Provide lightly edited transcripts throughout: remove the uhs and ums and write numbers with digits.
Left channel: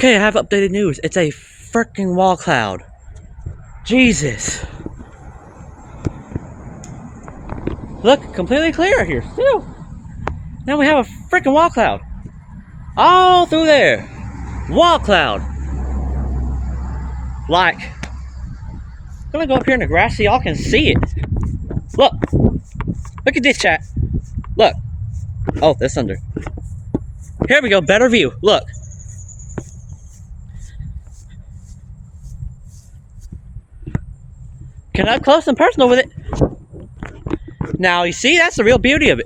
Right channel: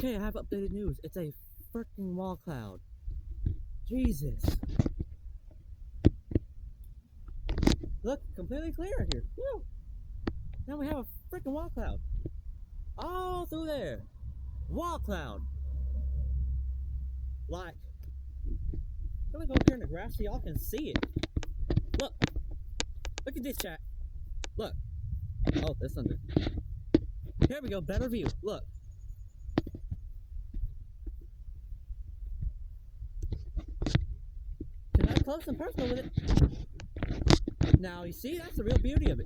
Okay, I have updated news. It's a freaking wall cloud. Jesus. Look, completely clear here, still. Now we have a freaking wall cloud. All through there. Wall cloud. Like, I'm gonna go up here in the grass so y'all can see it. Look. Look at this, chat. Look. Oh, that's under. Here we go, better view. Look. Can I up close and personal with it? Now, you see, that's the real beauty of it.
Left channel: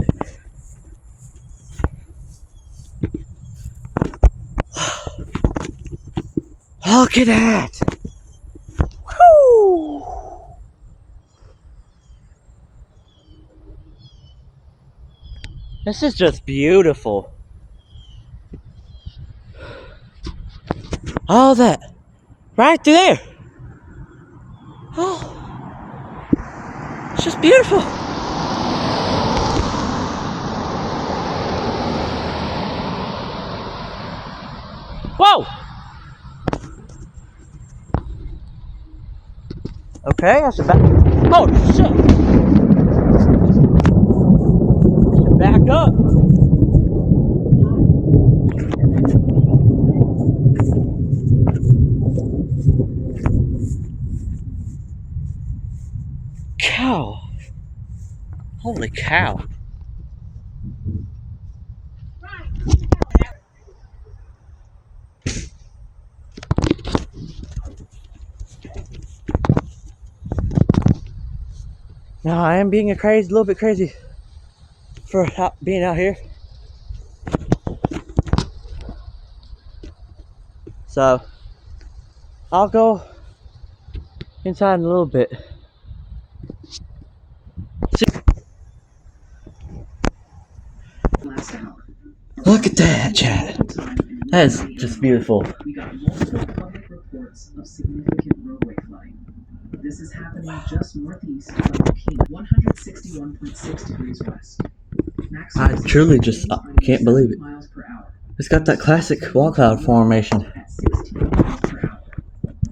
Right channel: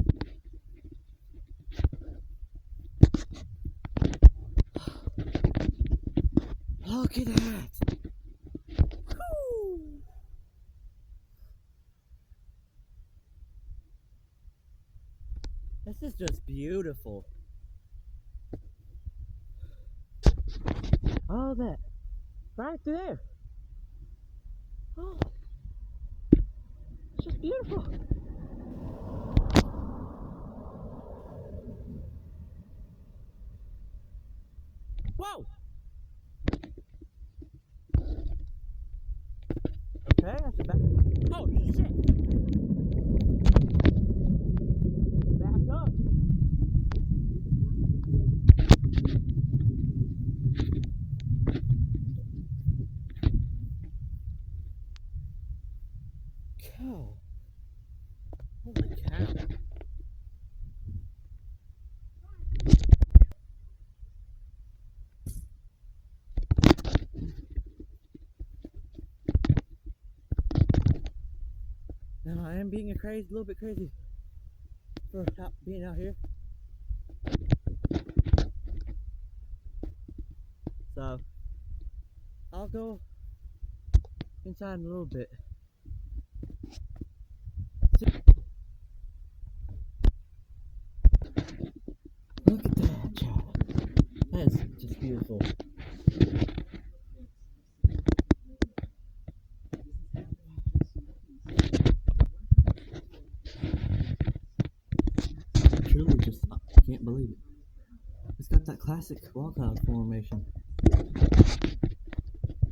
Look at that. Woo. This is just beautiful. All that. Right through there. Oh. It's just beautiful. Whoa! Okay, I should back. Oh, shit! I should back up. Cow. Holy cow. Now I am being a little bit crazy for being out here. So I'll go inside in a little bit. Look at that, chat. That is just beautiful. We got multiple public reports of significant roadway flooding. This is happening just northeast of King, 161.6 degrees west. I truly just can't believe it. It's got that classic wall cloud formation.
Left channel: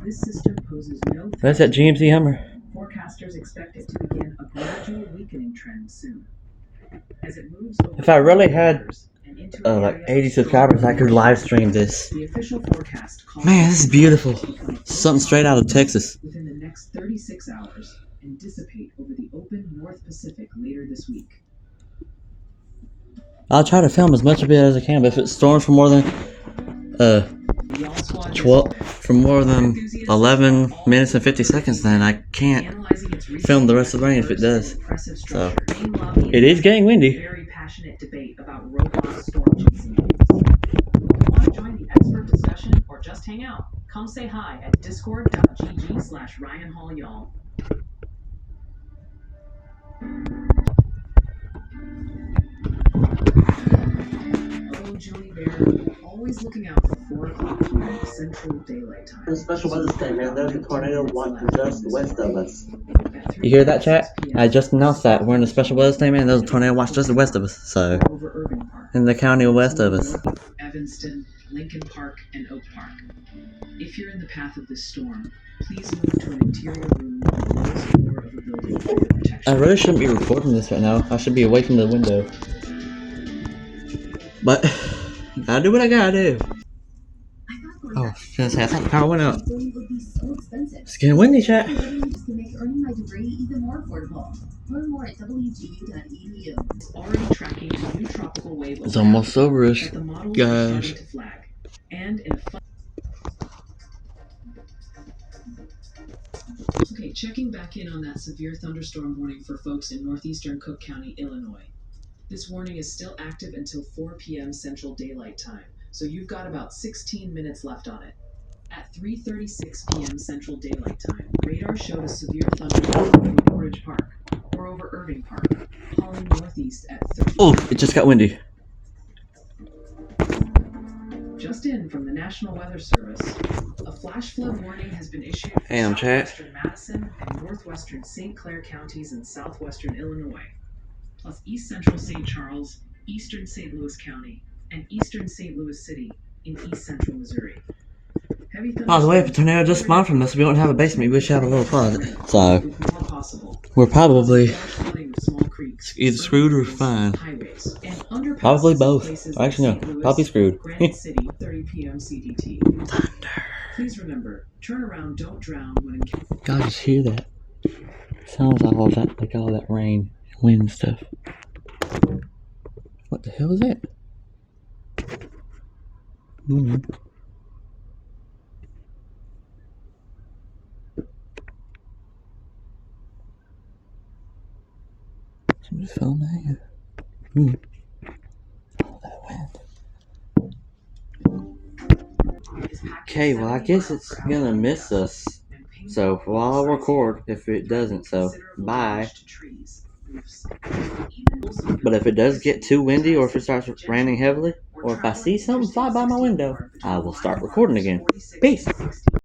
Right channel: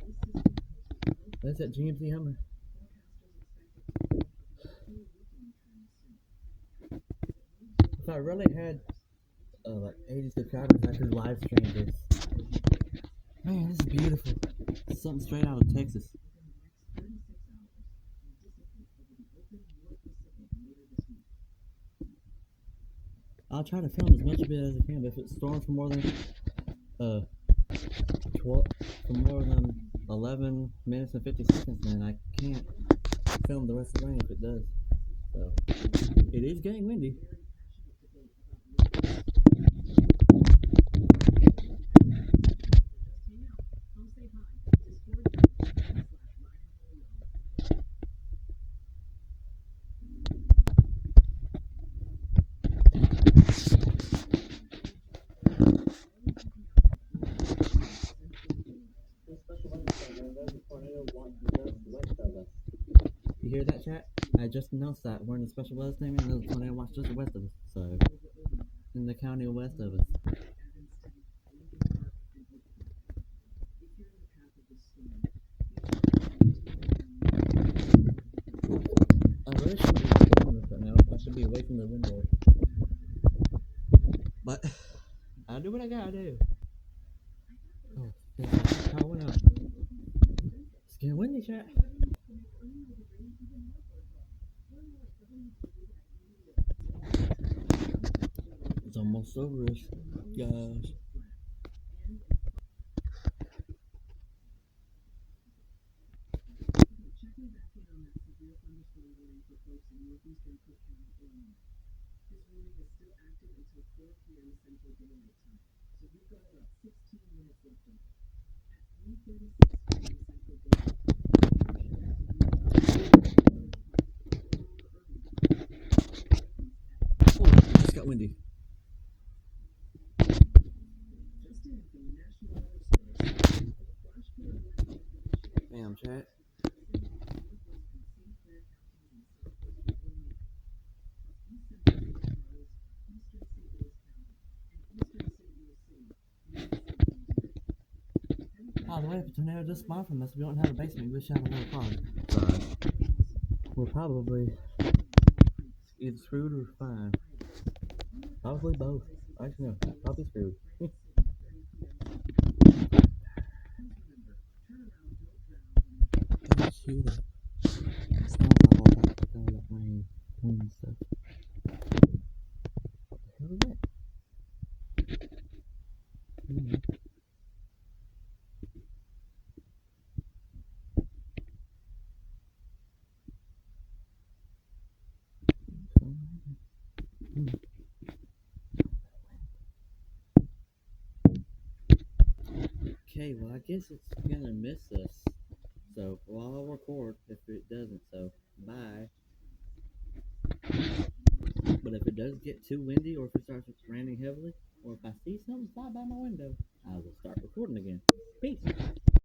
This system poses no threat. That's that GMC Hummer. Forecasters expect it to begin a gradual weakening trend soon. As it moves over, if I really had like 80 subscribers, I could live stream this. the official forecast calls Man, this is beautiful. Something straight out of Texas. within the next 36 hours and dissipate over the open North Pacific later this week. I'll try to film as much of it as I can, but if it storms for more than 11 minutes and 50 seconds, then I can't film the rest of the rain if it does. So it is getting windy. Very passionate debate about robust storm chasing. Want to join the expert discussion or just hang out? Come say hi at discord.gg/Ryan Hall y'all. Oh, Julie Bear, always looking out for 4 o'clock p.m. Central Daylight Time. The special weather state, man. There's a tornado watching just west of us. You hear that, chat? I just announced that we're in a special weather state, man. There's a tornado watch just west of us. So, in the county west of us. Evanston, Lincoln Park, and Oak Park. If you're in the path of this storm, please move to an interior room or close the door of a building for your protection. I really shouldn't be recording this right now. I should be away from the window. But, gotta do what I gotta do. Oh, I was gonna say, I thought the power went out. It's getting windy, chat. Already tracking a new tropical wave. It's almost over-ish, guys. And in a Okay, checking back in on that severe thunderstorm warning for folks in northeastern Cook County, Illinois. This warning is still active until 4 p.m. Central Daylight Time, so you've got about 16 minutes left on it. At 3:36 p.m. Central Daylight Time, radar showed a severe thunderstorm over Orange Park, or over Irving Park, falling northeast at 30. Oh, it just got windy. Just in from the National Weather Service, a flash flood warning has been issued for Damn, chat. southwestern Madison and northwestern St. Clair counties in southwestern Illinois, plus east central St. Charles, eastern St. Louis County, and eastern St. Louis City in east central Missouri. By the way, if a tornado just spawned from this, we don't have a basement. We should have a little closet. So, we're probably either screwed or fine. Probably both. Actually, no. Probably screwed. Thunder. Please remember, turn around, don't drown when Y'all just hear that? Sounds like all that rain, wind and stuff. What the hell is that? Somebody's filming. Oh, that wind. Okay, well, I guess it's gonna miss us. So, while I'll record if it doesn't, so bye. But if it does get too windy, or if it starts raining heavily, or if I see something fly by my window, I will start recording again. Peace.